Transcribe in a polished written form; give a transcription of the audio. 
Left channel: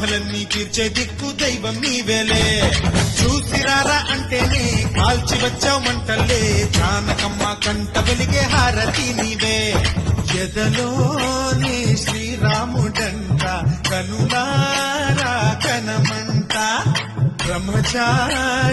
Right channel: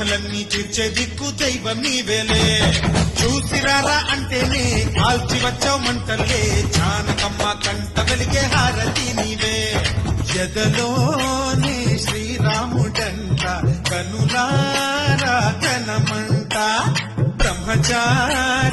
బాధలన్నీ తీర్చే దిక్కు దైవం నీవేలే చూసిరారా అంటేనే కాల్చి వచ్చామంటలే జానకమ్మ కంట వెలిగే హారతి నీవే ఎదలోనే శ్రీరాముడంట కనులారా కనమంట బ్రహ్మచారి